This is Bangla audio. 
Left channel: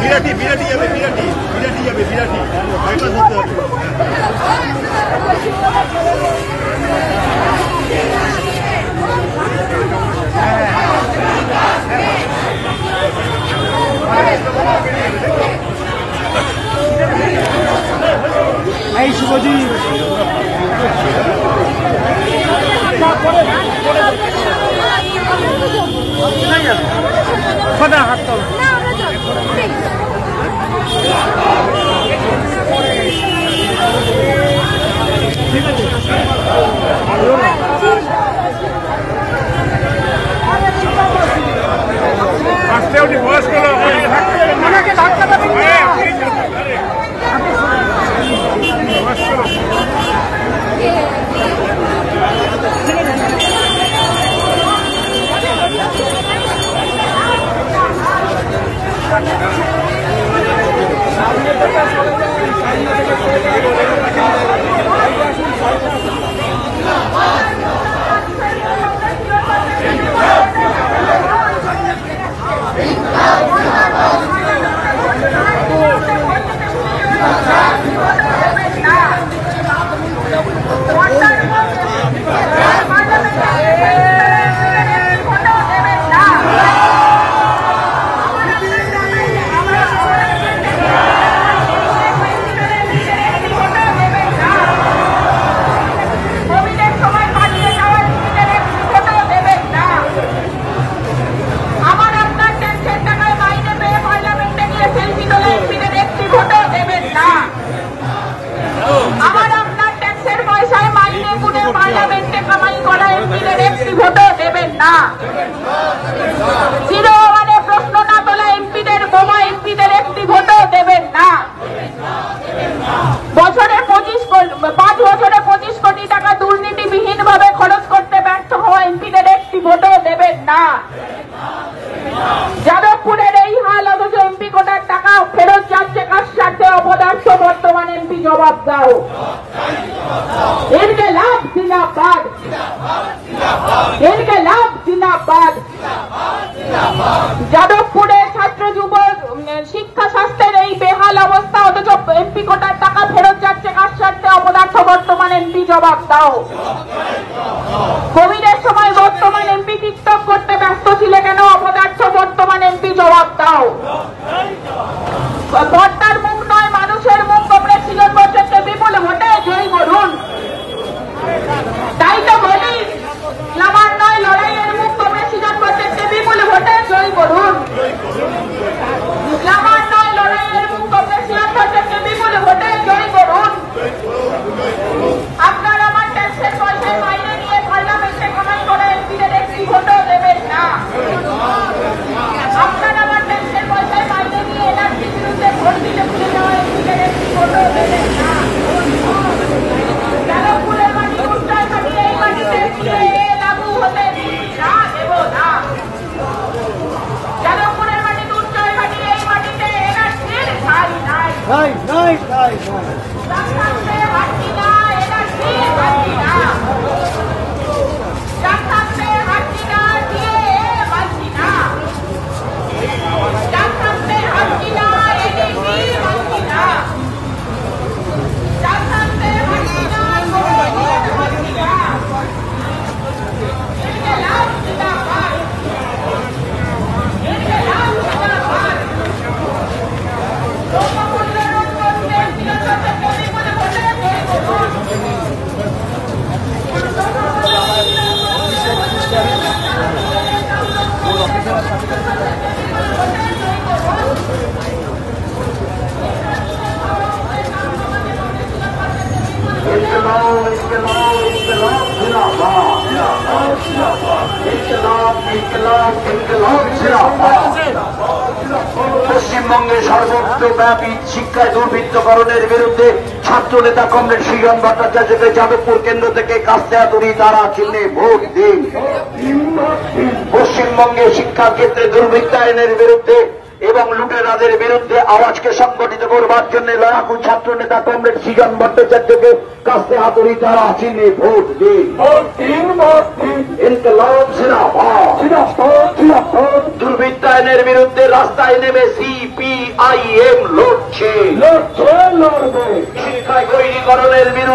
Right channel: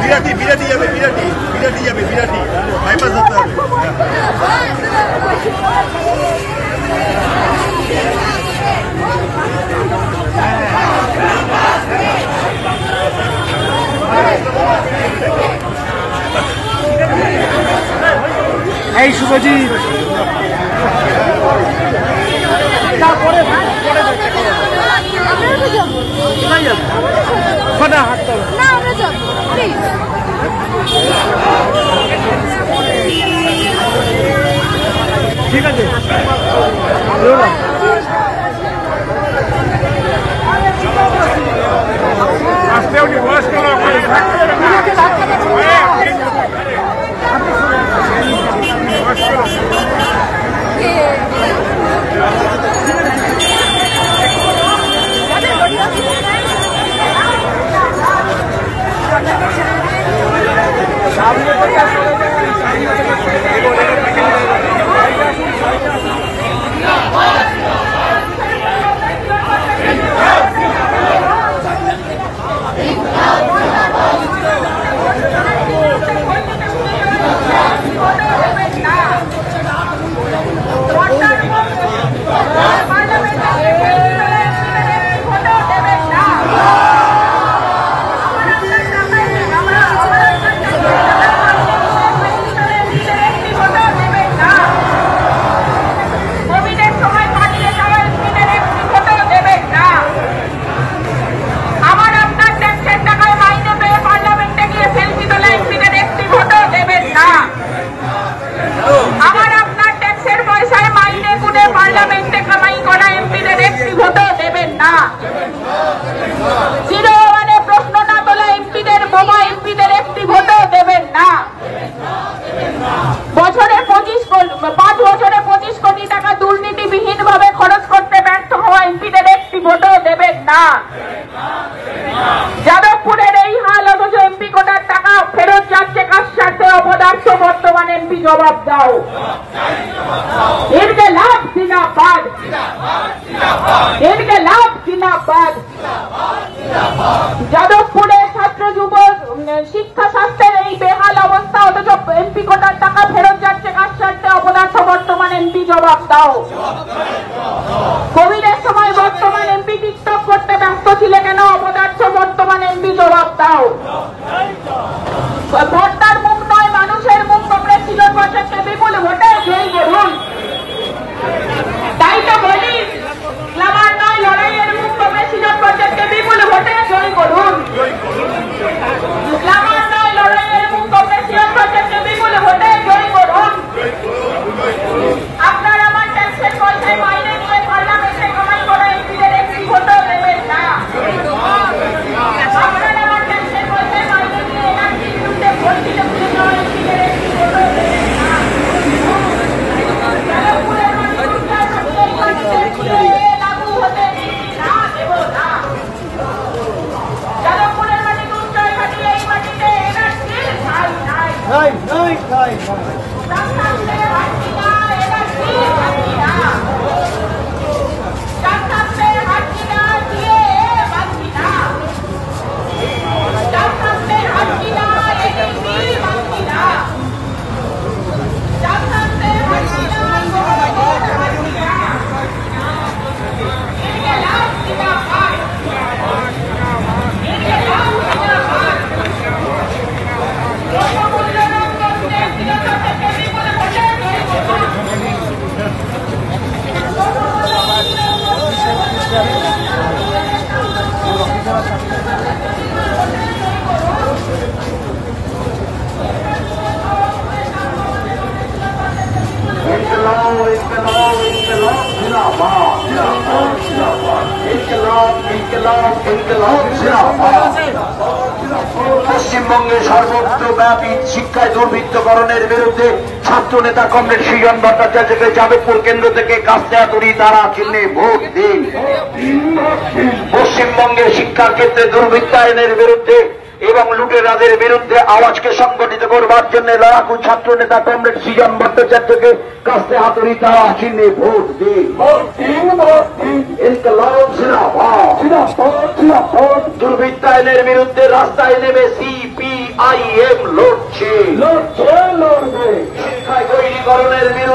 বিরাটি বিরাটি যাবে বিরাটি বিরাটি যাবে বিরাটি বাইপাস হতে হবে। এই শুভজিৎ হাত তোল। ঠিক আছে আসতে উঠি বয়স্ক ওনাকে ধাক্কা দেবেন না। আপনি বয়স্ক ঠিক আছে। সামনে প্রশ্ন না তোলা এমপিদের বোমা এমপিদের একটি ভোটও দেবেন না। বছরে 5 বছরে 25 কোটি টাকা দুর্নীতিবিহীন ভাবে খরচ করতে ব্যর্থ হওয়া এমপিদের একটি ভোটও দেবেন না। যাদবপুরের এই হাল অথচ এমপি কোটার টাকা ফেরত যাচ্ছে কাজ স্বার্থে অপদার্থ বর্তমান এমপি জবাব দাও। इनके लाभ जिंदाबाद, इनके लाभ जिंदाबाद। যাদবপুরের ছাত্র যুব শিক্ষা স্বাস্থ্যের এই বেহাল অবস্থা অথচ এমপি কোটার টাকা ফেরত যাচ্ছে কাজ স্বার্থে অপদার্থ বর্তমান এমপি জবাব দাও। কোভিডের সময় বর্তমান এমপি টিকটক করতে ব্যস্ত ছিল কেন অপদার্থ বর্তমান এমপি জবাব দাও। ভোটার মুখ নয় মানুষের মুখ কংগ্রেস সিজন বছরকে বিপুল ভোটে জয়ী করুন। তাই তো বলি আমার নয় লড়াইয়ের মুখ কংগ্রেস সিজন বছরকে বিপুল ভোটে জয়ী করুন। আমার নয় লড়াইয়ের মুখ কংগ্রেস সিজন বছরকে বিপুল ভোটে জয়ী করুন। আপনার আমার ট্যাক্সের পয়সায় মাইনে নিয়ে পার্লামেন্টে কামাই করে এমপিদের একটি ভোটও দেবেন না। আপনার আমার ট্যাক্সের পয়সায় মাইনে নিয়ে এনআরসির বিরুদ্ধে ভোট দিতে ভুলে যাওয়া এমপিদের একটি ভোটও দেবেন না। লাগু হতে না দেব না। যাদবপুরের মাটিতে উচ্চয় মাটি এই মাটিতে এনআরসির ঠাঁই নাই। পশ্চিমবঙ্গে সর্বত্রব্যাপী শিক্ষায় দুর্বৃত্তকরণের বিরুদ্ধে ছাত্র নেতা কমরেড সৃজন ভট্টাচার্যকে যাদবপুর কেন্দ্র থেকে কাস্তাতুরি তারা চিহ্নে ভোট দিন। পশ্চিমবঙ্গে শিক্ষার ক্ষেত্রে দুর্বৃত্তায়নের বিরুদ্ধে এবং লুটেরাদের বিরুদ্ধে আওয়াজকে সংগঠিত করবার জন্য লড়াকু ছাত্র নেতা কমরেড সৃজন ভট্টাচার্যকে কাস্তে হাতুড়ি তারা চিহ্নে ভোট দিন। ইনকলাব জিন্দাবাদ। দুর্বৃত্তায়নের বিরুদ্ধে রাস্তায় নেমে CPIM লড়ছে। শিক্ষা বৈরীকরণের বিরুদ্ধে